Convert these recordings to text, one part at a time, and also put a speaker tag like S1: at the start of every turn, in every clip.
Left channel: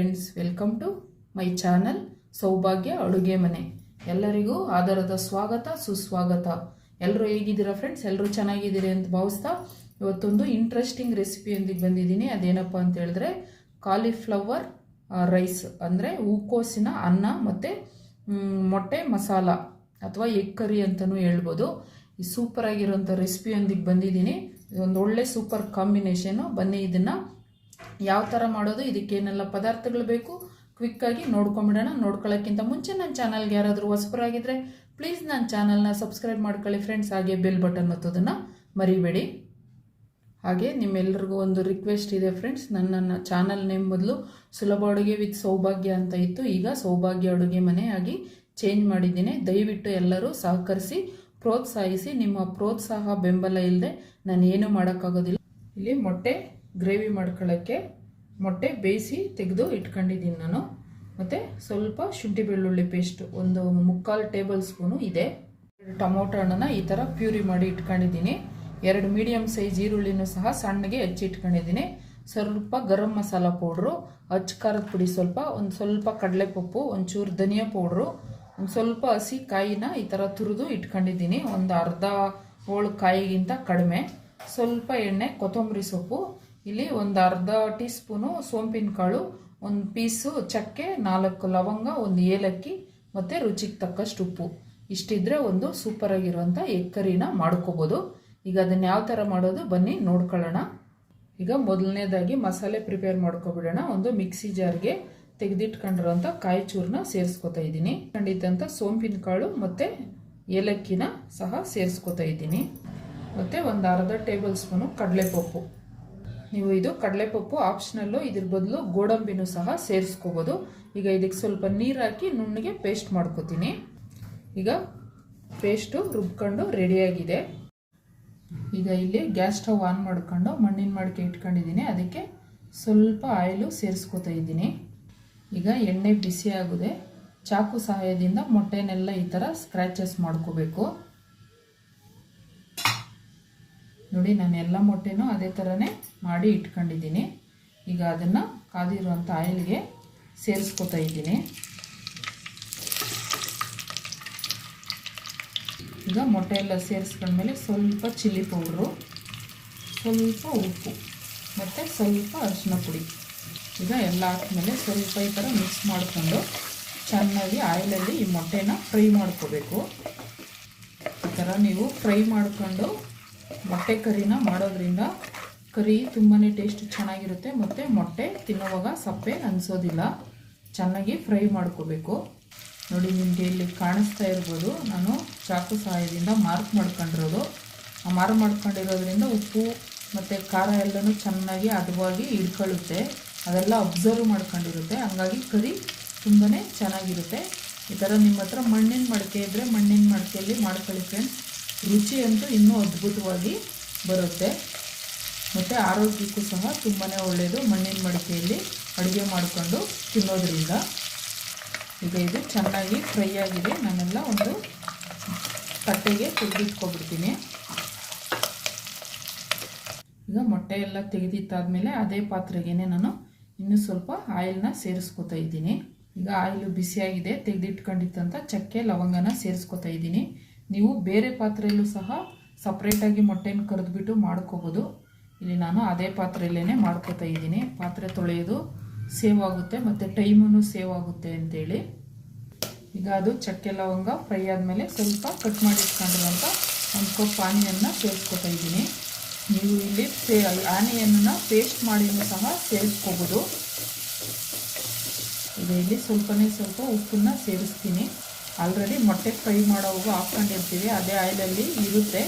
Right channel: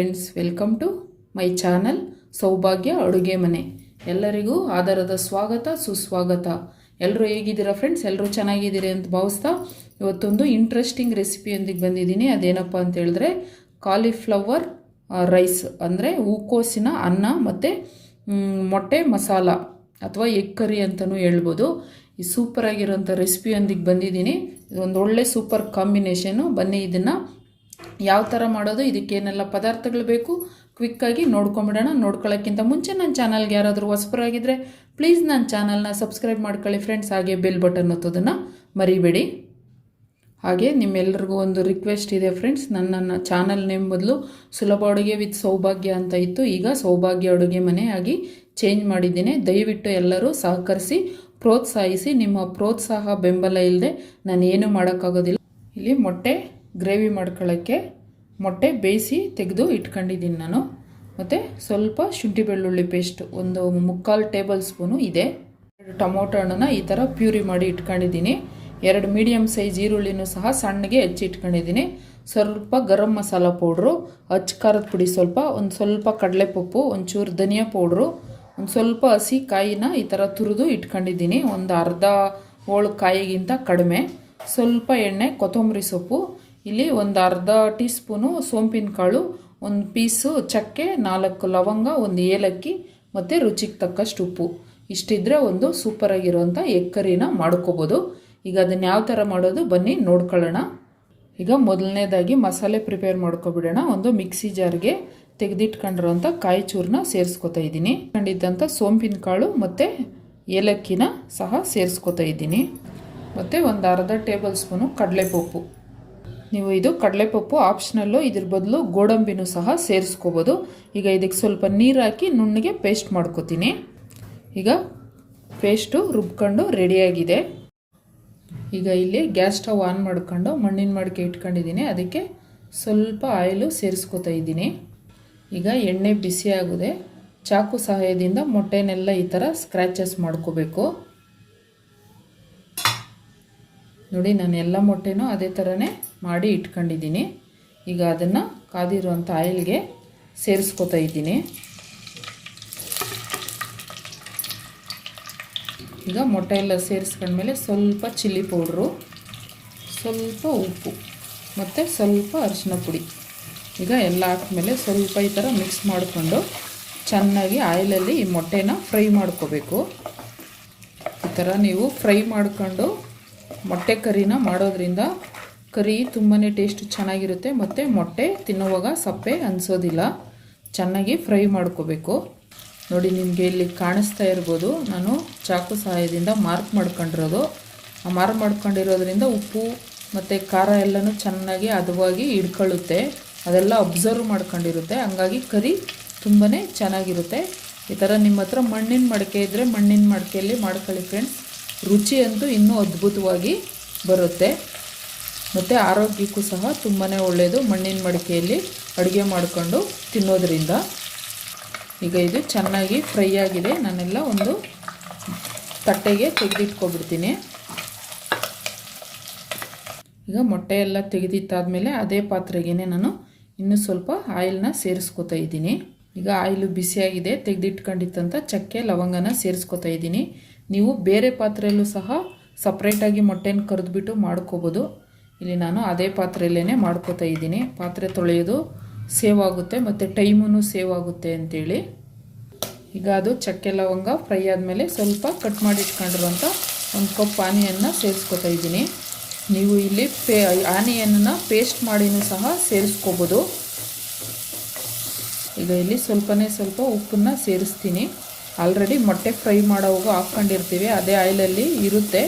S1: Friends welcome to my channel Saubhagya ಅಡುಗೆ ಮನೆ ಎಲ್ಲರಿಗೂ ಆಧಾರದ ಸ್ವಾಗತ, ಸುಸ್ವಾಗತ. ಎಲ್ಲರೂ ಹೇಗಿದ್ದೀರಾ ಫ್ರೆಂಡ್ಸ್ ಎಲ್ಲರೂ ಚೆನ್ನಾಗಿದ್ದೀರಿ ಅಂತ ಭಾವಿಸ್ತಾ ಇವತ್ತೊಂದು ಇಂಟ್ರೆಸ್ಟಿಂಗ್ ರೆಸಿಪಿಯೊಂದಿಗೆ ಬಂದಿದ್ದೀನಿ. ಅದೇನಪ್ಪ ಅಂತ ಹೇಳಿದ್ರೆ ಕಾಲಿಫ್ಲವರ್ ರೈಸ್ ಅಂದರೆ ಹೂಕೋಸಿನ ಅನ್ನ ಮತ್ತು ಮೊಟ್ಟೆ ಮಸಾಲ ಅಥವಾ ಎಗ್ ಕರಿ ಅಂತಲೂ ಹೇಳ್ಬೋದು. ಈ ಸೂಪರಾಗಿರೋಂಥ ರೆಸಿಪಿಯೊಂದಿಗೆ ಬಂದಿದ್ದೀನಿ. ಇದೊಂದು ಒಳ್ಳೆ ಸೂಪರ್ ಕಾಂಬಿನೇಷನು ಬನ್ನಿ, ಇದನ್ನು ಯಾವ ಥರ ಮಾಡೋದು, ಇದಕ್ಕೇನೆಲ್ಲ ಪದಾರ್ಥಗಳು ಬೇಕು ಕ್ವಿಕ್ಕಾಗಿ ನೋಡ್ಕೊಂಬಿಡೋಣ. ನೋಡ್ಕೊಳ್ಳೋಕ್ಕಿಂತ ಮುಂಚೆ ನನ್ನ ಚಾನಲ್ಗೆ ಯಾರಾದರೂ ಹೊಸಬರಾಗಿದ್ದರೆ ಪ್ಲೀಸ್ ನನ್ನ ಚಾನಲ್ನ ಸಬ್ಸ್ಕ್ರೈಬ್ ಮಾಡ್ಕೊಳ್ಳಿ ಫ್ರೆಂಡ್ಸ್ ಹಾಗೆ ಬೆಲ್ ಬಟನ್ ಒತ್ತೋದನ್ನು ಮರಿಬೇಡಿ. ಹಾಗೆ ನಿಮ್ಮೆಲ್ಲರಿಗೂ ಒಂದು ರಿಕ್ವೆಸ್ಟ್ ಇದೆ ಫ್ರೆಂಡ್ಸ್ ನನ್ನ ಚಾನಲ್ ನೇಮ್ ಬದಲು ಸುಲಭ ಅಡುಗೆ ವಿತ್ ಸೌಭಾಗ್ಯ ಅಂತ ಇತ್ತು. ಈಗ ಸೌಭಾಗ್ಯ ಅಡುಗೆ ಮನೆ ಆಗಿ ಚೇಂಜ್ ಮಾಡಿದ್ದೀನಿ. ದಯವಿಟ್ಟು ಎಲ್ಲರೂ ಸಹಕರಿಸಿ, ಪ್ರೋತ್ಸಾಹಿಸಿ. ನಿಮ್ಮ ಪ್ರೋತ್ಸಾಹ ಬೆಂಬಲ ಇಲ್ಲದೆ ನಾನು ಏನು ಮಾಡೋಕ್ಕಾಗೋದಿಲ್ಲ. ಇಲ್ಲಿ ಮೊಟ್ಟೆ ಗ್ರೇವಿ ಮಾಡ್ಕೊಳ್ಳೋಕ್ಕೆ ಮೊಟ್ಟೆ ಬೇಯಿಸಿ ತೆಗೆದು ಇಟ್ಕೊಂಡಿದ್ದೀನಿ ನಾನು. ಮತ್ತು ಸ್ವಲ್ಪ ಶುಂಠಿ ಬೆಳ್ಳುಳ್ಳಿ ಪೇಸ್ಟ್ ಒಂದು ಮುಕ್ಕಾಲು ಟೇಬಲ್ ಸ್ಪೂನು ಇದೆ. ಟೊಮೊಟೊ ಹಣ್ಣನ್ನು ಈ ಥರ ಪ್ಯೂರಿ ಮಾಡಿ ಇಟ್ಕೊಂಡಿದ್ದೀನಿ. ಎರಡು ಮೀಡಿಯಮ್ ಸೈಜ್ ಈರುಳ್ಳಿನೂ ಸಹ ಸಣ್ಣಗೆ ಹೆಚ್ಚಿ ಇಟ್ಕೊಂಡಿದ್ದೀನಿ. ಸ್ವಲ್ಪ ಗರಂ ಮಸಾಲ ಪೌಡ್ರು, ಅಚ್ಚ ಖಾರದ ಪುಡಿ ಸ್ವಲ್ಪ, ಒಂದು ಸ್ವಲ್ಪ ಕಡಲೆಪಪ್ಪು, ಒಂಚೂರು ಧನಿಯಾ ಪೌಡ್ರು, ಒಂದು ಸ್ವಲ್ಪ ಹಸಿ ಕಾಯಿನ ಈ ಥರ ತುರಿದು ಇಟ್ಕೊಂಡಿದ್ದೀನಿ. ಒಂದು ಅರ್ಧ ಹೋಳು ಕಾಯಿಗಿಂತ ಕಡಿಮೆ. ಸ್ವಲ್ಪ ಎಣ್ಣೆ, ಕೊತ್ತಂಬರಿ ಸೊಪ್ಪು, ಇಲ್ಲಿ ಒಂದು ಅರ್ಧ ಟೀ ಸ್ಪೂನು ಸೋಂಪಿನ ಕಾಳು ಒಂದು ಪೀಸು ಚಕ್ಕೆ, ನಾಲ್ಕು ಲವಂಗ, ಒಂದು ಏಲಕ್ಕಿ ಮತ್ತು ರುಚಿಗೆ ತಕ್ಕಷ್ಟು ಉಪ್ಪು. ಇಷ್ಟಿದ್ರೆ ಒಂದು ಸೂಪರಾಗಿರುವಂಥ ಎಗ್ ಕರಿನ ಮಾಡ್ಕೋಬೋದು. ಈಗ ಅದನ್ನು ಯಾವ ಥರ ಮಾಡೋದು ಬನ್ನಿ ನೋಡ್ಕೊಳ್ಳೋಣ. ಈಗ ಮೊದಲನೇದಾಗಿ ಮಸಾಲೆ ಪ್ರಿಪೇರ್ ಮಾಡ್ಕೊಬಿಡೋಣ. ಒಂದು ಮಿಕ್ಸಿ ಜಾರ್ಗೆ ತೆಗೆದಿಟ್ಕೊಂಡಿರೋಂಥ ಕಾಯಿ ಚೂರನ್ನ ಸೇರಿಸ್ಕೊತಾ ಇದ್ದೀನಿ. ಕಂಡಿದ್ದಂಥ ಸೋಂಪಿನ ಕಾಳು ಮತ್ತು ಏಲಕ್ಕಿನ ಸಹ ಸೇರಿಸ್ಕೊತಾ ಇದ್ದೀನಿ. ಮತ್ತು ಒಂದು ಅರ್ಧ ಟೇಬಲ್ ಸ್ಪೂನು ಕಡಲೆಪಪ್ಪು. ನೀವು ಇದು ಕಡಲೆಪಪ್ಪು ಆಪ್ಷನಲ್ಲು ಇದ್ರ ಬದಲು ಗೋಡಂಬಿನೂ ಸಹ ಸೇರಿಸ್ಕೋಬೋದು. ಈಗ ಇದಕ್ಕೆ ಸ್ವಲ್ಪ ನೀರು ಹಾಕಿ ನುಣ್ಣಗೆ ಪೇಸ್ಟ್ ಮಾಡ್ಕೋತೀನಿ. ಈಗ ಪೇಸ್ಟು ರುಬ್ಕೊಂಡು ರೆಡಿಯಾಗಿದೆ ಈಗ ಇಲ್ಲಿ ಗ್ಯಾಸ್ ಸ್ಟವ್ ಆನ್ ಮಾಡ್ಕೊಂಡು ಮಣ್ಣಿನ ಮಡಿಕೆ ಇಟ್ಕೊಂಡಿದ್ದೀನಿ. ಅದಕ್ಕೆ ಸ್ವಲ್ಪ ಆಯಿಲು ಸೇರಿಸ್ಕೋತಾ ಇದ್ದೀನಿ. ಈಗ ಎಣ್ಣೆ ಬಿಸಿ ಆಗಿದೆ, ಚಾಕು ಸಹಾಯದಿಂದ ಮೊಟ್ಟೆನೆಲ್ಲ ಈ ಥರ ಸ್ಕ್ರ್ಯಾಚಸ್ ಮಾಡ್ಕೋಬೇಕು. ನೋಡಿ, ನಾನು ಎಲ್ಲ ಮೊಟ್ಟೆನೂ ಅದೇ ಥರನೇ ಮಾಡಿ ಇಟ್ಕೊಂಡಿದ್ದೀನಿ. ಈಗ ಅದನ್ನು ಕಾದಿರುವಂಥ ಆಯಿಲ್ಗೆ ಸೇರಿಸ್ಕೊತಾ ಇದ್ದೀನಿ. ಈಗ ಮೊಟ್ಟೆ ಎಲ್ಲ ಸೇರಿಸ್ಕೊಂಡ್ಮೇಲೆ ಸ್ವಲ್ಪ ಚಿಲ್ಲಿ ಪೌಡ್ರು, ಸ್ವಲ್ಪ ಉಪ್ಪು ಮತ್ತು ಸ್ವಲ್ಪ ಅರಿಶಿನ ಪುಡಿ. ಈಗ ಎಲ್ಲ ಹಾಕ್ಮೇಲೆ ಸ್ವಲ್ಪ ಈ ಥರ ಮಿಕ್ಸ್ ಮಾಡಿಕೊಂಡು ಚೆನ್ನಾಗಿ ಆಯಿಲಲ್ಲಿ ಈ ಮೊಟ್ಟೆನ ಫ್ರೈ ಮಾಡ್ಕೋಬೇಕು. ಈ ಥರ ನೀವು ಫ್ರೈ ಮಾಡಿಕೊಂಡು ಮೊಟ್ಟೆ ಕರಿನ ಮಾಡೋದ್ರಿಂದ ಕರಿ ತುಂಬಾ ಟೇಸ್ಟ್ ಚೆನ್ನಾಗಿರುತ್ತೆ. ಮತ್ತು ಮೊಟ್ಟೆ ತಿನ್ನುವಾಗ ಸಪ್ಪೆ ಅನಿಸೋದಿಲ್ಲ. ಚೆನ್ನಾಗಿ ಫ್ರೈ ಮಾಡ್ಕೋಬೇಕು. ನೋಡಿ, ನಿಮಗೆ ಇಲ್ಲಿ ಕಾಣಿಸ್ತಾ ಇರ್ಬೋದು. ನಾನು ಚಾಕು ಸಹಾಯದಿಂದ ಮಾರ್ಕ್ ಮಾಡ್ಕೊಂಡಿರೋದು. ಆ ಮಾರ್ಕ್ ಮಾಡ್ಕೊಂಡಿರೋದ್ರಿಂದ ಉಪ್ಪು ಮತ್ತು ಖಾರ ಎಲ್ಲನೂ ಚೆನ್ನಾಗಿ ಹದವಾಗಿ ಹಿಡ್ಕೊಳ್ಳುತ್ತೆ. ಅದೆಲ್ಲ ಅಬ್ಸರ್ವ್ ಮಾಡ್ಕೊಂಡಿರುತ್ತೆ. ಹಂಗಾಗಿ ಕರಿ ತುಂಬಾ ಚೆನ್ನಾಗಿರುತ್ತೆ. ಈ ಥರ ನಿಮ್ಮ ಹತ್ರ ಮಣ್ಣಿನ ಮಡಿಕೆ ಇದ್ದರೆ ಮಣ್ಣಿನ ಮಡಿಕೆಯಲ್ಲಿ ಮಾಡ್ಕೊಳ್ಳಿ ಫ್ರೆಂಡ್ಸ್ ರುಚಿ ಅಂತೂ ಇನ್ನೂ ಅದ್ಭುತವಾಗಿ ಬರುತ್ತೆ. ಮತ್ತು ಆರೋಗ್ಯಕ್ಕೂ ಸಹ ತುಂಬಾ ಒಳ್ಳೆಯದು ಮಣ್ಣಿನ ಮಡಿಕೆಯಲ್ಲಿ ಅಡುಗೆ ಮಾಡಿಕೊಂಡು ತಿನ್ನೋದ್ರಿಂದ. ಈಗ ಇದು ಚೆನ್ನಾಗಿ ಫ್ರೈ ಆಗಿದೆ. ನಾನೆಲ್ಲ ಒಂದು ತಟ್ಟೆಗೆ ತೆಗೆದಿಟ್ಕೊಬಿಡ್ತೀನಿ. ಈಗ ಮೊಟ್ಟೆ ಎಲ್ಲ ತೆಗೆದಿಟ್ಟಾದಮೇಲೆ ಅದೇ ಪಾತ್ರೆಗೆ ನಾನು ಇನ್ನೂ ಸ್ವಲ್ಪ ಆಯಿಲ್ನ ಸೇರಿಸ್ಕೊತಾ ಇದ್ದೀನಿ. ಈಗ ಆಯಿಲು ಬಿಸಿಯಾಗಿದೆ. ತೆಗೆದಿಟ್ಕೊಂಡಿತ್ತಂತ ಚಕ್ಕೆ, ಲವಂಗನ ಸೇರಿಸ್ಕೊತಾ ಇದ್ದೀನಿ. ನೀವು ಬೇರೆ ಪಾತ್ರೆಯಲ್ಲೂ ಸಹ ಸಪ್ರೇಟಾಗಿ ಮೊಟ್ಟೆನ ಕರೆದ್ಬಿಟ್ಟು ಮಾಡ್ಕೋಬೋದು. ಇಲ್ಲಿ ನಾನು ಅದೇ ಪಾತ್ರೆಯಲ್ಲೇ ಮಾಡ್ಕೋತಾ ಇದ್ದೀನಿ. ಪಾತ್ರೆ ತೊಳೆಯೋದು ಸೇವ್ ಆಗುತ್ತೆ ಮತ್ತು ಟೈಮೂ ಸೇವ್ ಆಗುತ್ತೆ ಅಂತೇಳಿ. ಈಗ ಅದು ಚಕ್ಕೆ ಲವಂಗ ಫ್ರೈ ಆದಮೇಲೆ ಸ್ವಲ್ಪ ಕಟ್ ಮಾಡಿ ಇಟ್ಕೊಂಡಿರುವಂಥ ಒಂದು ಕಪ್ ಆನಿಯನ್ನು ಸೇರಿಸ್ಕೊತಾ ಇದ್ದೀನಿ. ನೀವು ಇಲ್ಲಿ ಪೇ, ಆನೆಯನ್ನು ಪೇಸ್ಟ್ ಮಾಡಿನೂ ಸಹ ಸೇರಿಸ್ಕೋಬೋದು. ಈಗ ಇಲ್ಲಿ ಸ್ವಲ್ಪನೇ ಸ್ವಲ್ಪ ಉಪ್ಪನ್ನು ಸೇರಿಸ್ತೀನಿ. ಆಲ್ರೆಡಿ ಮೊಟ್ಟೆ ಫ್ರೈ ಮಾಡೋವಾಗ ಹಾಕ್ಕೊಂಡಿರ್ತೀವಿ. ಅದೇ ಆಯಿಲಲ್ಲಿ ಇರುತ್ತೆ.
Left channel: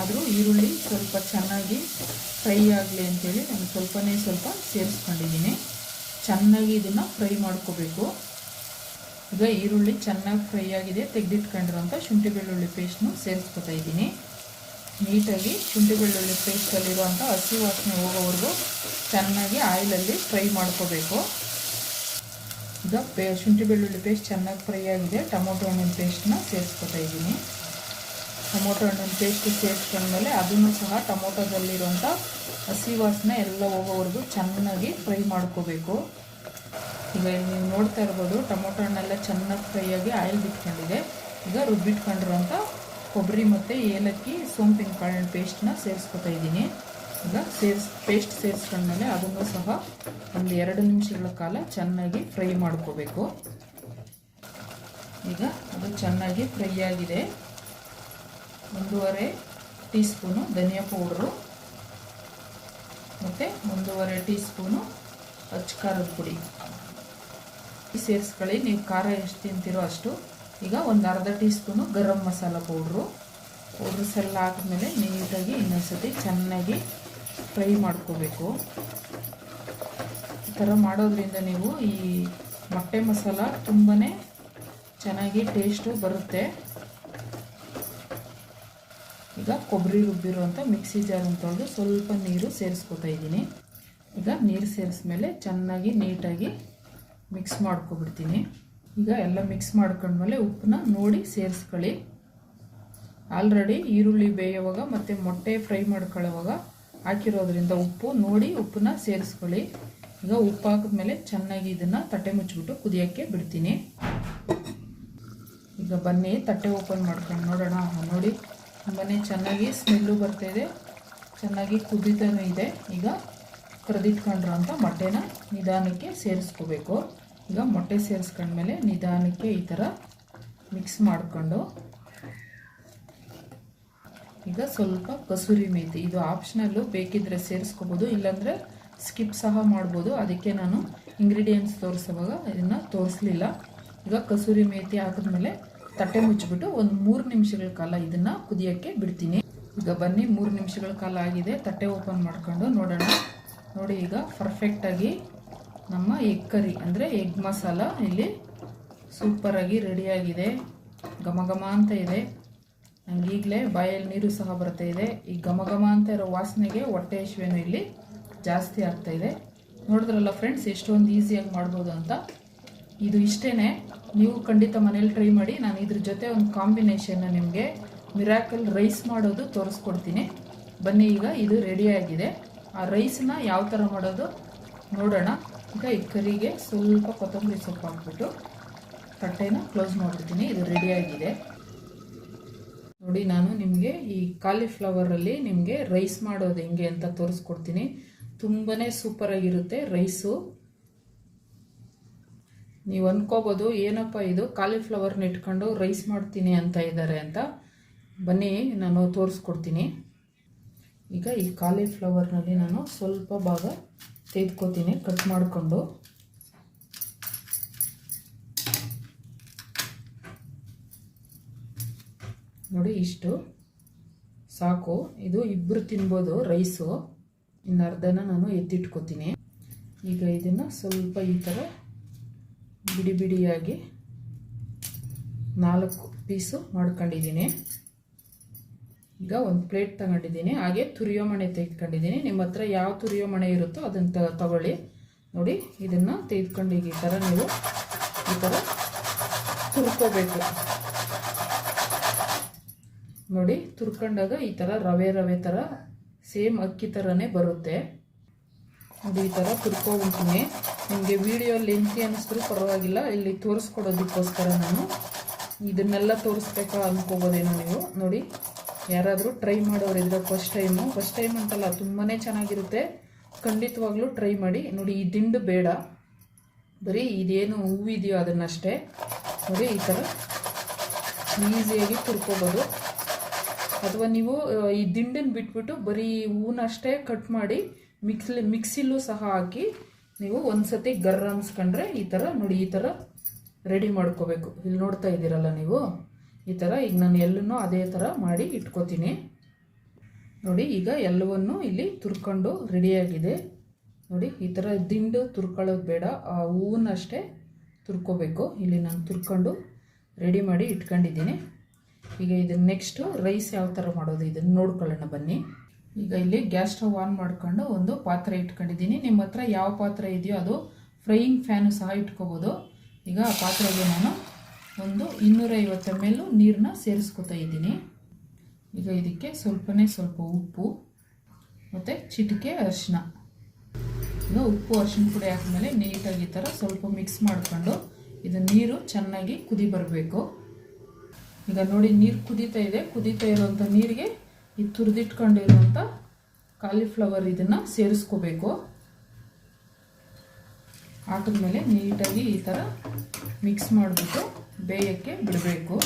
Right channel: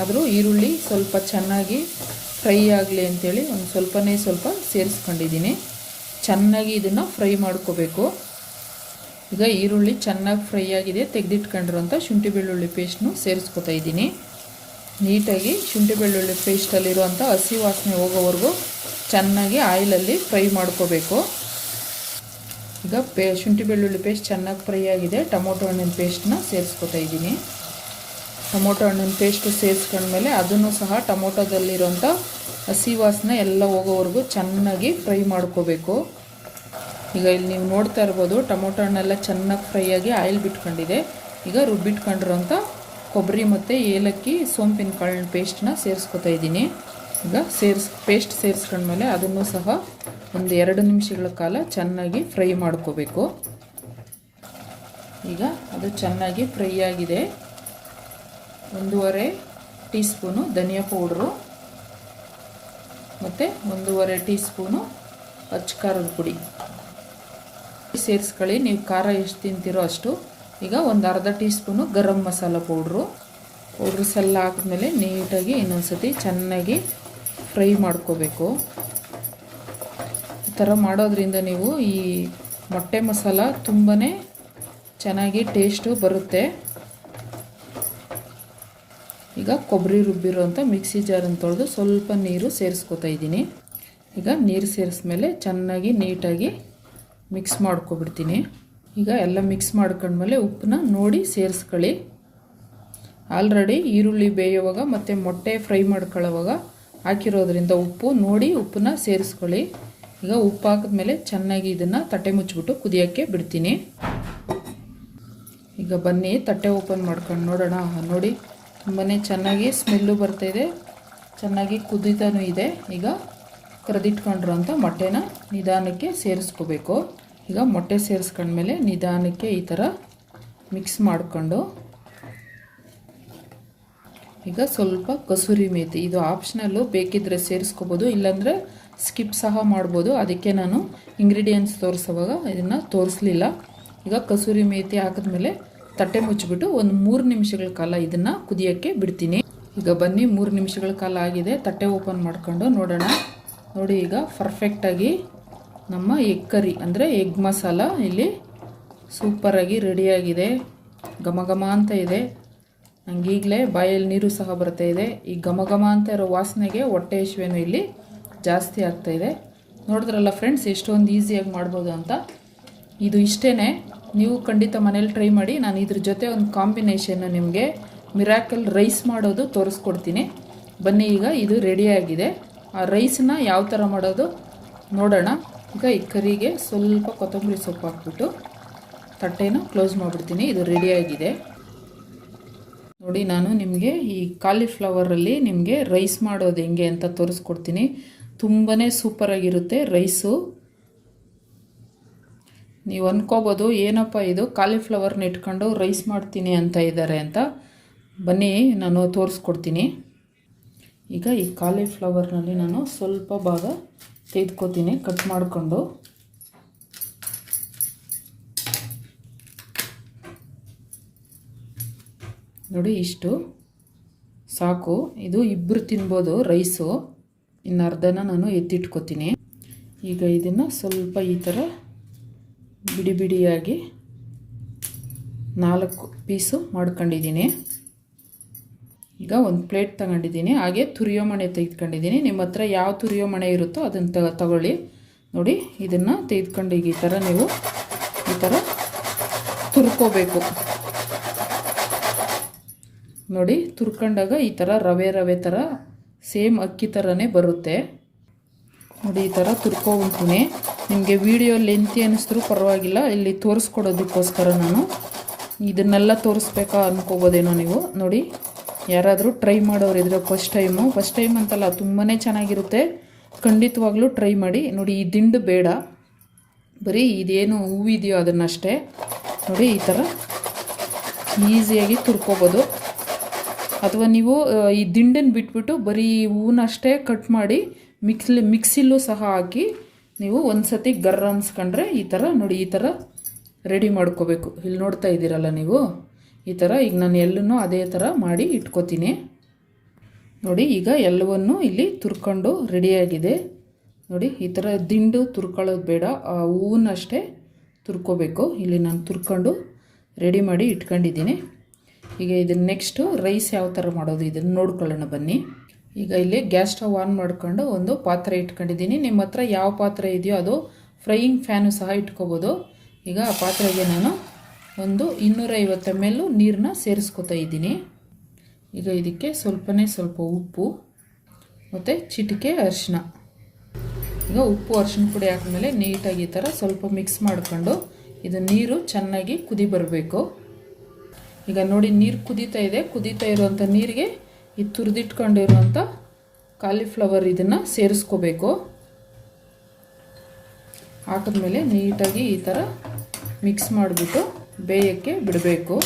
S1: ಆದರೂ ಈರುಳ್ಳಿ ಸ್ವಲ್ಪ ಚೆನ್ನಾಗಿ ಫ್ರೈ ಆಗಲಿ ಅಂಥೇಳಿ ಒಂದು ಸ್ವಲ್ಪನೇ ಸ್ವಲ್ಪ ಸೇರಿಸ್ಕೊಂಡಿದ್ದೀನಿ. ಚೆನ್ನಾಗಿ ಇದನ್ನು ಫ್ರೈ ಮಾಡ್ಕೋಬೇಕು. ಈಗ ಈರುಳ್ಳಿ ಚೆನ್ನಾಗಿ ಫ್ರೈ ಆಗಿದೆ. ತೆಗೆದಿಟ್ಕೊಂಡಿರೋಂಥ ಶುಂಠಿ ಬೆಳ್ಳುಳ್ಳಿ ಪೇಸ್ಟ್ನು ಸೇರಿಸ್ಕೊತಾ ಇದ್ದೀನಿ. ನೀಟಾಗಿ ಶುಂಠಿ ಬೆಳ್ಳುಳ್ಳಿ ಪೇಸ್ಟಲ್ಲಿರುವಂಥ ಹಸಿ ವಾಸನೆ ಹೋಗೋವರೆಗೂ ಚೆನ್ನಾಗಿ ಆಯಿಲಲ್ಲಿ ಫ್ರೈ ಮಾಡ್ಕೋಬೇಕು. ಈಗ ಪೇ ಶುಂಠಿ ಬೆಳ್ಳುಳ್ಳಿ ಪೇಸ್ಟ್ ಚೆನ್ನಾಗಿ ಫ್ರೈ ಆಗಿದೆ. ಟೊಮೊಟೊ ಹಣ್ಣಿನ ಪೇಸ್ಟ್ನ ಸೇರಿಸ್ಕೊತಾ ಇದ್ದೀನಿ. ಟೊಮೊಟೊ ಹಣ್ಣಿನ ಪೇಸ್ಟ್ ಸೇರಿಸ್ಕೊಂಡ್ಮೇಲೆ ಅದನ್ನು ಸಹ ಟೊಮೊಟೊದಲ್ಲಿರೋಂಥ ಹಸಿ ವಾಸನೆ ಎಲ್ಲ ಹೋಗೋವರೆಗೂ ಚೆನ್ನಾಗಿ ಫ್ರೈ ಮಾಡ್ಕೋಬೇಕು. ಈಗ ಇಲ್ಲಿ ನೀವು ನೋಡ್ತಾ ಇರ್ಬೋದು, ಟೊಮೊಟೊ ಹಣ್ಣೆಲ್ಲ ಚೆನ್ನಾಗಿ ಫ್ರೈ ಆಗಿ ಆಯಿಲ್ ಬಿಟ್ಕೊಂಡಿದೆ. ಈಗ ರುಬ್ಬಿಟ್ಕೊಂಡಿರೋಂಥ ಕೊಬ್ಬರಿ ಮತ್ತು ಏಲಕ್ಕಿ ಸೋಂಪಿನ ಕಾಳಿನ ಪೇಸ್ಟ್ನ ಸೇರಿಸ್ಕೊತಾ ಇದ್ದೀನಿ. ಈಗ ಸೇರಿಸ್ ಪೇಸ್ಟ್ ಸೇರಿಸ್ಕೊಂಡ್ಮೇಲೆ ಅದನ್ನು ಸಹ ಒಂದು ಎರಡು ನಿಮಿಷಗಳ ಕಾಲ ಚೆನ್ನಾಗಿ ಫ್ರೈ ಮಾಡ್ಕೋಬೇಕು. ಈಗ ಅದು ಚೆನ್ನಾಗಿ ಫ್ರೈ ಆಗಿದೆ. ಒಂದೂವರೆ ಟೀ ಸ್ಪೂನು ಧನಿಯಾ ಪೌಡ್ರು ಮತ್ತು ಒಂದೂವರೆ ಟೀ ಸ್ಪೂನು ಅಚ್ಚಕಾರದ ಪುಡಿ. ಸೇರಿಸ್ಕೊಳ್ಳಿ, ನೀವು ಖಾರ ಎಷ್ಟು ತಿಂತೀರೋ ಅಷ್ಟು. ಈಗ ಒಂದು ಅರ್ಧ teaspoon garam masala powder. Powder ಎಲ್ಲ ಹಾಕಿದ್ಮೇಲೆ ನೀಟಾಗಿ ಇನ್ನೊಂದು ಸತಿ ಚೆನ್ನಾಗಿ ಫ್ರೈ ಮಾಡ್ಕೋಬೇಕು. ಈ ಥರ ಮಾಡೋದ್ರಿಂದ ನೀವು ಈ ಮೊಟ್ಟೆ ಮಸಾಲ ತುಂಬಾ ಚೆನ್ನಾಗಿ ಟೇಸ್ಟು ಬರುತ್ತೆ. ಈಗ ಕೊಬ್ಬರಿ ರುಬ್ಬಿರೋಂಥ ಮಿಕ್ಸಿ ಜಾರನ್ನು ತೊಳೆದು ಸ್ವಲ್ಪ ನೀರು ಸೇರಿಸ್ಕೊತಾ ಇದ್ದೀನಿ. ಈಗ ನೀರು ಸೇರಿಸ್ಮೇಲೆ ಚೆನ್ನಾಗಿ ನೀಟಾಗಿ ಮಿಕ್ಸ್ ಮಾಡ್ಕೊಬಿಡ್ತೀನಿ. ಈಗ ಎಲ್ಲ ಮಿಕ್ಸ್ ಮಾಡ್ಕೊಂಡ್ಮೇಲೆ ಉಪ್ಪನ್ನ ನೋಡಿ ಸೇರಿಸ್ಕೊಳ್ಳಿ. ಆಲ್ರೆಡಿ ಈರುಳ್ಳಿ ಬೇಯುವಾಗ ಮತ್ತು ಮೊಟ್ಟೆ ಫ್ರೈ ಮಾಡ್ಕೊಳ್ಳೋವಾಗ ಹಾಕಿರೋದ್ರಿಂದ ಉಪ್ಪು ನೋಡಿ ಉಪ್ಪನ್ನ ಸೇರಿಸ್ಕೊಳ್ಳಿ. ಈಗ ಉಪ್ಪು ಹಾಕಿದ್ಮೇಲೆ ಚೆನ್ನಾಗಿ ಇದನ್ನು ತಟ್ಟೆ ಮುಚ್ಚಿಬಿಟ್ಟು ಕುದಿಯೋಕ್ಕೆ ಬಿಡ್ತೀನಿ. ಈಗ ಬನ್ನಿ, ತಟ್ಟೆ ಓಪನ್ ಮಾಡ್ಕೊಂಡು ನೋಡೋಣ. ನೋಡಿ ತುಂಬಾ ಚೆನ್ನಾಗಿ ಸ್ಮೆಲ್ಲು ಬರ್ತಾಯಿದೆ ಚೆನ್ನಾಗಿ ಕುದಿತಾನೂ ಇದೆ. ಈಗ ಕರೆದಿಟ್ಕೊಂಡಿರೋ ಅಂಥ ಮೊಟ್ಟೆನ ನಿಧಾನಕ್ಕೆ ಸೇರಿಸ್ಕೋಬೇಕು. ಈಗ ಮೊಟ್ಟೆ ಸೇರಿಸ್ಕೊಂಡ್ಮೇಲೆ ನಿಧಾನಕ್ಕೆ ಈ ಥರ ಮಿಕ್ಸ್ ಮಾಡಿಕೊಂಡು ಈಗ ಸ್ವಲ್ಪ ಕಸೂರಿ ಮೇಥಿ ಇದು ಆಪ್ಷನಲ್ಲು ಬೇಕಿದ್ದರೆ ಸೇರಿಸ್ಕೋಬೋದು, ಇಲ್ಲಾಂದರೆ ಸ್ಕಿಪ್ ಸಹ ಮಾಡ್ಬೋದು. ಅದಕ್ಕೆ ನಾನು ಇಂಗ್ರೀಡಿಯೆಂಟ್ಸ್ ತೋರಿಸುವಾಗ ಇದನ್ನು ತೋರಿಸ್ಲಿಲ್ಲ. ಈಗ ಕಸೂರಿ ಮೇಥಿ ಹಾಕಿದ್ಮೇಲೆ ತಟ್ಟೆ ಮುಚ್ಚಿಬಿಟ್ಟು ಒಂದು ಮೂರು ನಿಮಿಷಗಳ ಕಾಲ ಇದನ್ನು ಕುದಿಯೋಕ್ಕೆ ಬಿಡ್ತೀನಿ. ಈಗ ಬನ್ನಿ, ಮೂರು ನಿಮಿಷಗಳ ಕಾಲ ಆಗಿದೆ. ತಟ್ಟೆ ಓಪನ್ ಮಾಡ್ಕೊಂಡು ನೋಡೋಣ. ನೋಡಿ, ಈಗ ಪರ್ಫೆಕ್ಟಾಗಿ ನಮ್ಮ ಎಗ್ ಕರಿ ಅಂದರೆ ಎಗ್ ಮಸಾಲ ಇಲ್ಲಿ ಸೂಪರಾಗಿ ರೆಡಿಯಾಗಿದೆ ಘಮ ಘಮ ಅಂತ ಇದೆ. ನಂಗೆ ಈಗಲೇ ಬಾಯಲ್ಲಿ ನೀರು ಸಹ ಬರ್ತಾ ಇದೆ. ಈ ಘಮ ಘಮ ಅಂತ ಇರೋ ವಾಸನೆಗೆ ಹೊಟ್ಟೆ ಹಸಿವೇನು ಇಲ್ಲಿ ಜಾಸ್ತಿ ಆಗ್ತಾ ಇದೆ. ನೋಡಿದ್ರಲ್ಲ ಫ್ರೆಂಡ್ಸ್ ಎಷ್ಟೊಂದು ಈಸಿಯಾಗಿ ಮಾಡ್ಬೋದು ಅಂತ. ಇದು ಇಷ್ಟೇ ನೀವು ಖಂಡಿತ ಮನೇಲಿ ಟ್ರೈ ಮಾಡಿ. ನಾನು ಇದ್ರ ಜೊತೆ ಒಂದು ಕಾಂಬಿನೇಷನ್ನು ನಿಮಗೆ ಮಿರಾಕಲ್ ರೈಸ್ ಮಾಡೋದು ತೋರಿಸ್ಕೊಡ್ತೀನಿ. ಬನ್ನಿ ಈಗ, ಇದು ರೆಡಿಯಾಗಿದೆ ಆ ರೈಸನ್ನ ಯಾವ ಥರ ಮಾಡೋದು ನೋಡೋಣ. ಈಗ ಈ ಕರಿಗೆ ಸ್ವಲ್ಪ ಕೊತ್ತಂಬರಿ ಸೊಪ್ಪು ಹಾಕ್ಬಿಟ್ಟು ತಟ್ಟೆನ ಕ್ಲೋಸ್ ಮಾಡಿಬಿಡ್ತೀನಿ. ಇದು ರೆಡಿಯಾಗಿದೆ ನೋಡಿ ನಾನು ನಿಮಗೆ ಈ ಕಾಲಿಫ್ಲವರಲ್ಲಿ ನಿಮಗೆ ರೈಸ್ ಮಾಡೋದು ಹೆಂಗೆ ಅಂತ ತೋರಿಸ್ಕೊಡ್ತೀನಿ. ತುಂಬಾ ಸೂಪರಾಗಿರುತ್ತೆ ರೈಸು ನೀವು ಅಂದ್ಕೋಬೋದು ಏನಪ್ಪ ಇದು ಕಾಲಿಫ್ಲವರ್ನ ಇಟ್ಕೊಂಡು ರೈಸ್ ಮಾಡ್ತೀನಿ ಅಂತ ಇದ್ದಾರೆ ಅಂತ. ಬನ್ನಿ ನಾನು ತೋರಿಸ್ಕೊಡ್ತೀನಿ. ಈಗ ಈ ಕಾಲಿಫ್ಲವರ್ನಲ್ಲಿ ನಾನು ಸ್ವಲ್ಪ ಭಾಗ ತೆಗೆದುಕೋತೀನಿ ಕಟ್ ಮಾಡಿಕೊಂಡು. ನೋಡಿ ಇಷ್ಟು. ಸಾಕು. ಇದು ಇಬ್ಬರು ತಿನ್ಬೋದು ರೈಸು. ಇನ್ನು ಅರ್ಧನ ನಾನು ಎತ್ತಿಟ್ಕೋತೀನಿ. ಈಗ ಇದನ್ನು ಸ್ವಲ್ಪ ಈ ಥರ ಬಿಡಿ ಬಿಡಿಯಾಗಿ ನಾಲ್ಕು ಪೀಸು ಮಾಡ್ಕೊಂಡಿದ್ದೀನಿ. ಈಗ ಒಂದು ಪ್ಲೇಟ್ ತಗೊಂಡಿದ್ದೀನಿ. ಹಾಗೆ ತುರಿಯೋ ಮಣೆ ತೆಗೆದುಕೊಂಡಿದ್ದೀನಿ. ನಿಮ್ಮ ಹತ್ರ ಯಾವ ತುರಿಯೋ ಮಣೆ ಇರುತ್ತೋ ಅದನ್ನು ತ ತಗೊಳ್ಳಿ. ನೋಡಿ, ಇದನ್ನು ತೆಗೆದುಕೊಂಡು ಈಗ ಈ ಥರ ನೀವು ಈ ಥರ ತುರ್ಕೋಬೇಕು. ನೋಡಿ, ತುರ್ಕೊಂಡಾಗ ಈ ಥರ ರವೆ ರವೆ ಥರ ಸೇಮ್ ಅಕ್ಕಿ ಥರನೇ ಬರುತ್ತೆ. ನೋಡಿ, ಈ ಥರ ತುರ್ಕೊಂಡ್ತೀನಿ ನಿಮಗೆ ವಿಡಿಯೋ ಲೆಂತಿ ಅನ್ನಿಸಿದ್ರು ಪರವಾಗಿಲ್ಲ, ಇಲ್ಲಿ ತೋರಿಸ್ಕೊಡೋದಕ್ಕೋಸ್ಕರ ನಾನು ಇದನ್ನೆಲ್ಲ ತೋರಿಸ್ಬೇಕಾ ಅನ್ಕೋಬೋದೇನೋ ನೀವು. ನೋಡಿ, ಯಾರಾದರೂ ಟ್ರೈ ಮಾಡೋರು ಇದ್ರೆ ಫಸ್ಟ್ ಟೈಮು ಫಸ್ಟ್ ಟೈಮ್ ಅಂತಲ್ಲ ತುಂಬಾ ಚೆನ್ನಾಗಿರುತ್ತೆ. ಖಂಡಿತವಾಗ್ಲೂ ಟ್ರೈ ಮಾಡಿ. ನೋಡಿ, ಈ ದಿಂಡು ಬೇಡ. ಬರೀ ಇದೇನು ಹೂವಿದೆಯೋ ಅದನ್ನಷ್ಟೇ. ನೋಡಿ, ಈ ಥರ ಈಸಿಯಾಗಿ ತುರ್ಕೋಬೋದು. ಅಥವಾ ನೀವು ಈ ದಿಂಡನ್ನು ಬಿಟ್ಬಿಟ್ಟು ಬರೀ ಹೂವನ್ನಷ್ಟೇ ಕಟ್ ಮಾಡಿ ಮಿಕ್ಸ್ಲಿ, ಮಿಕ್ಸಿಲೂ ಸಹ ಹಾಕಿ ನೀವು ಒಂದು ಸತಿ ಗರ್ರ ಅನ್ಸ್ಕೊಂಡ್ರೆ ಈ ಥರ ನೋಡಿ, ಈ ಥರ ರೆಡಿ ಮಾಡ್ಕೋಬೇಕು. ಇಲ್ಲಿ ನೋಡ್ತಾ ಇದ್ದೀರಲ್ಲ ನೀವು? ಈ ಥರ ಈಗ ನಾನು ಎಲ್ಲೂ ಅದೇ ಥರ ಮಾಡಿ ಇಟ್ಕೋತೀನಿ. ನೋಡಿ, ಈಗ ಎಲ್ಲವನ್ನು ಇಲ್ಲಿ ತುರ್ಕೊಂಡು ರೆಡಿಯಾಗಿದೆ. ನೋಡಿ, ಈ ಥರ ದಿಂಡು ತುರ್ಕೊಳ್ಳೋದು ಬೇಡ, ಆ ಹೂವನ್ನಷ್ಟೇ ತುರ್ಕೋಬೇಕು. ಇಲ್ಲಿ ನಾನು ತುರ್ಕೊಂಡು ರೆಡಿ ಮಾಡಿ ಇಟ್ಕೊಂಡಿದ್ದೀನಿ. ಈಗ ಇದನ್ನು ನೆಕ್ಸ್ಟು ರೈಸ್ ಯಾವ ಥರ ಮಾಡೋದು ಇದನ್ನು ನೋಡ್ಕೊಳ್ಳೋಣ ಬನ್ನಿ. ಈಗ ಇಲ್ಲಿ ಗ್ಯಾಸ್ ಸ್ಟವ್ ಆನ್ ಮಾಡ್ಕೊಂಡು ಒಂದು ಪಾತ್ರೆ ಇಟ್ಕೊಂಡಿದ್ದೀನಿ. ನಿಮ್ಮ ಹತ್ರ ಯಾವ ಪಾತ್ರೆ ಇದೆಯೋ ಅದು ಫ್ರೈಯಿಂಗ್ ಫ್ಯಾನು ಸಹ ಇಟ್ಕೋಬೋದು. ಈಗ ಆ ಪಾತ್ರೆಗೆ ನಾನು ಒಂದು ಇನ್ನೂರೈವತ್ತು ಎಂ ನೀರನ್ನ ಸೇರಿಸ್ಕೊತಾ ಇದ್ದೀನಿ. ಈಗ ಇದಕ್ಕೆ ಸ್ವಲ್ಪನೇ ಸ್ವಲ್ಪ ಉಪ್ಪು ಮತ್ತು ಚಿಟಿಕೆ ಅರಿಶಿನ. ಈಗ ಉಪ್ಪು ಅರಿಶಿನ ಪುಡಿ ಹಾಕಿದ್ಮೇಲೆ ನೀಟಾಗಿ ಈ ಥರ ಸ್ವಲ್ಪ ಮಿಕ್ಸ್ ಮಾಡ್ಕೊಂಡು ಇದು ನೀರು ಚೆನ್ನಾಗಿ ಕುದಿ ಬರಬೇಕು. ಈಗ ನೋಡಿ ನೀರು ಕುದೀತಾ ಇದೆ. ಕುದೀತಾ ಇರೋವಂಥ ನೀರಿಗೆ ಈ ತುರಿದಿಟ್ಕೊಂಡಿರುವಂಥ ಕಾಲಿಫ್ಲವರ್ ಇದನ್ನು ಸೇರಿಸ್ಕೋಬೇಕು. ಹಾಕಿದ್ಮೇಲೆ ನೀಟಾಗಿ ಈ ಥರ ಮಿಕ್ಸ್ ಮಾಡಿಬಿಟ್ಟು ಬೇಯಕ್ಕೆ ಬಿಡಬೇಕು.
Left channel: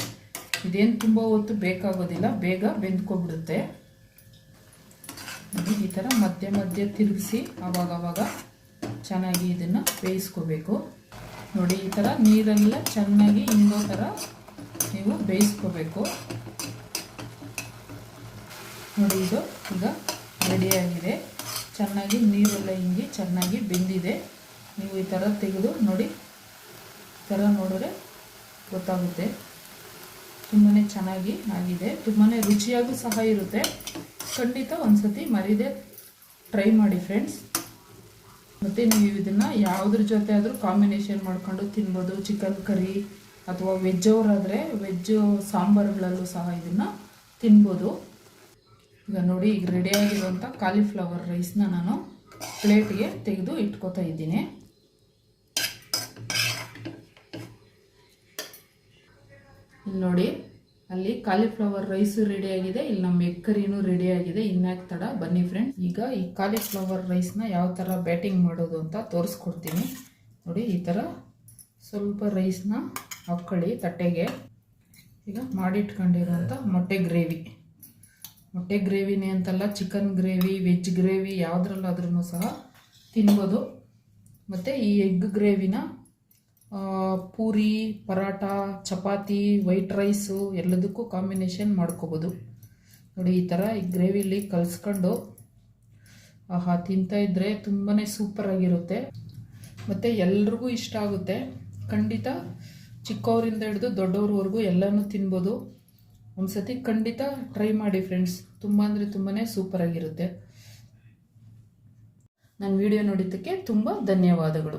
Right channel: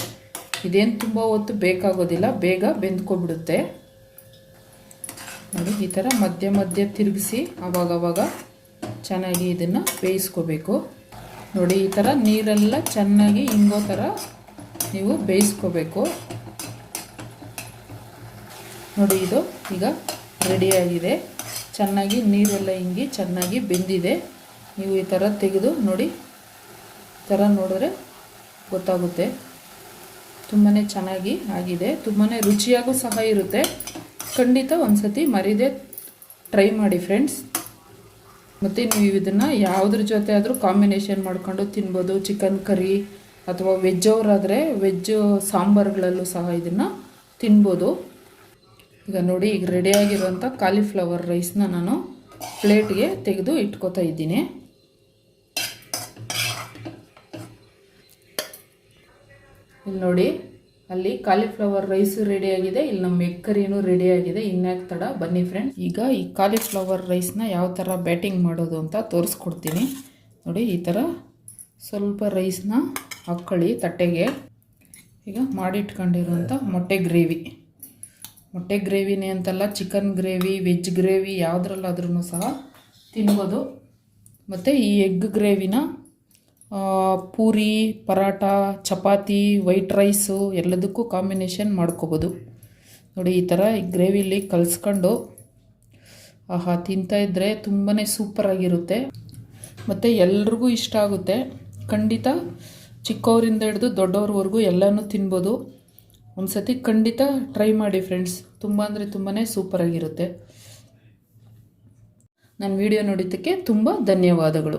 S1: ಇದೇನು ತುಂಬ ಹೊತ್ತು ಬೇಕಾಗೋದಿಲ್ಲ. ಬೇಗ ಬೆಂದ್ಕೊಬಿಡುತ್ತೆ. ನೋಡಿ ಈ ಥರ ಮಧ್ಯ ಮಧ್ಯ ತಿರುಗಿಸಿ ಆವಾಗವಾಗ ಚೆನ್ನಾಗಿ ಇದನ್ನು ಬೇಯಿಸ್ಕೋಬೇಕು. ನೋಡಿ ಈ ಥರ ನೀರೆಲ್ಲ ಚೆನ್ನಾಗಿ ಹಿಂಗೋ ಥರ ನೀವು ಬೇಯಿಸ್ಕೋಬೇಕು. ನೋಡಿ ಇದು ಈಗ ರೆಡಿಯಾಗಿದೆ ಚೆನ್ನಾಗಿ ನೀರೆಲ್ಲ ಹಿಂಗಿ ಚೆನ್ನಾಗಿ ಬೆಂದಿದೆ. ನೀವು ಈ ಥರ ತೆಗೆದು ನೋಡಿ, ಈ ಥರ ನೋಡಿದ್ರೆ ಗೊತ್ತಾಗುತ್ತೆ. ತುಂಬಾ ಚೆನ್ನಾಗಿ ಆಗಿದೆ. ತುಂಬಾ ರುಚಿಯಾಗೂ ಸಹ ಇರುತ್ತೆ. ಖಂಡಿತ ಒಂದು ಸತಿ ಮರಿದೆ ಟ್ರೈ ಮಾಡಿ ಫ್ರೆಂಡ್ಸ್ ಮತ್ತು ನೀವು ಇದನ್ನು ಯಾವುದ್ರ ಜೊತೆ ಆದರೂ ಕಾಂಬಿನೇಷನ್ ಮಾಡ್ಕೊಂಡು ತಿನ್ಬೋದು. ಚಿಕನ್ ಕರಿ ಅಥವಾ ವೆಜ್ ಅವರಾದರೆ ವೆಜ್ ಸಾಂಬಾರುಗಳಲ್ಲೂ ಸಹ ಇದನ್ನು ತಿನ್ಬೋದು. ಈಗ ನೋಡಿ, ಈಗ ರೆಡಿಯಾಗಿರುವಂಥ ಕಾಲಿಫ್ಲವರ್ ರೈಸ್ನ ನಾನು ಪ್ಲೇಟ್ಗೆ ತೆಗೆದು ಇಟ್ಕೋತಾ ಇದ್ದೀನಿ. ಇಲ್ಲಿ ನೋಡಿ, ಅಲ್ಲಿ ಕಾಲಿಫ್ಲವರ್ ರೈಸು ರೆಡಿಯಾಗಿದೆ ಇಲ್ಲಿ ನಮ್ಮ ಎಗ್ ಕರಿನೂ ರೆಡಿಯಾಗಿದೆ ಇನ್ಯಾಕೆ ತಡ, ಬನ್ನಿ ಫ್ರೆಂಡ್ಸ್ ಈಗ ಈ ಕಾಲಿಫ್ಲವರ್ ರೈಸ್ನ ಯಾವ ಥರ ಬ್ಯಾಟಿಂಗ್ ಮಾಡೋದು ಅಂತ ತೋರಿಸ್ಕೊಡ್ತೀನಿ. ನೋಡಿ, ಈ ಥರ ಸ್ವಲ್ಪ ರೈಸ್ನ ಹಾಕ್ಕೊಳ್ಳಿ ತಟ್ಟೆಗೆ ಈಗ ಮಾಡಿಟ್ಕೊಂಡಿರುವಂಥ ಮೊಟ್ಟೆ ಗ್ರೇವಿ. ಮೊಟ್ಟೆ ಗ್ರೇವಿನೇ ಅಂತಲ್ಲ, ಚಿಕನ್ ಗ್ರೇವಿ, ವೆಜ್ ಗ್ರೇವಿ ಯಾವುದ್ರಲ್ಲಾದ್ರೂ ಸಹ ತಿನ್ಬೋದು. ಮತ್ತು ಈ ಎಗ್ ಗ್ರೇವಿನ ಪೂರಿ ಪರಾಟ ಚಪಾತಿ, ವೈಟ್ ರೈಸು ಎಲ್ಲದಕ್ಕೂ ಕಾಂಬಿನೇಷನ್ ಮಾಡ್ಕೋಬೋದು. ನೋಡಿ, ಈ ಥರ ಈ ಗ್ರೇವಿಲಿ ಕಲಿಸ್ಕೊಂಡು, ಆಹಾ ತಿಂತಾಯಿದ್ರೆ ತುಂಬಾ ಸೂಪರಾಗಿರುತ್ತೆ. ಮತ್ತು ಎಲ್ರಿಗೂ ಇಷ್ಟ ಆಗುತ್ತೆ. ಖಂಡಿತ ಚಿಕ್ಕವರಿಂದ ಹಿಡಿದು ದೊಡ್ಡವ್ರವರೆಗೂ ಎಲ್ಲನೂ ತಿನ್ಬೋದು. ಒಂದು ಸತಿ ಖಂಡಿತ ಟ್ರೈ ಮಾಡಿ ಫ್ರೆಂಡ್ಸ್ ತುಂಬ ಅಂದರೆ ತುಂಬಾ ಸೂಪರಾಗಿರುತ್ತೆ ನನ್ನ ವಿಡಿಯೋ ನೋಡಿದ್ದಕ್ಕೆ ತುಂಬ ಧನ್ಯವಾದಗಳು.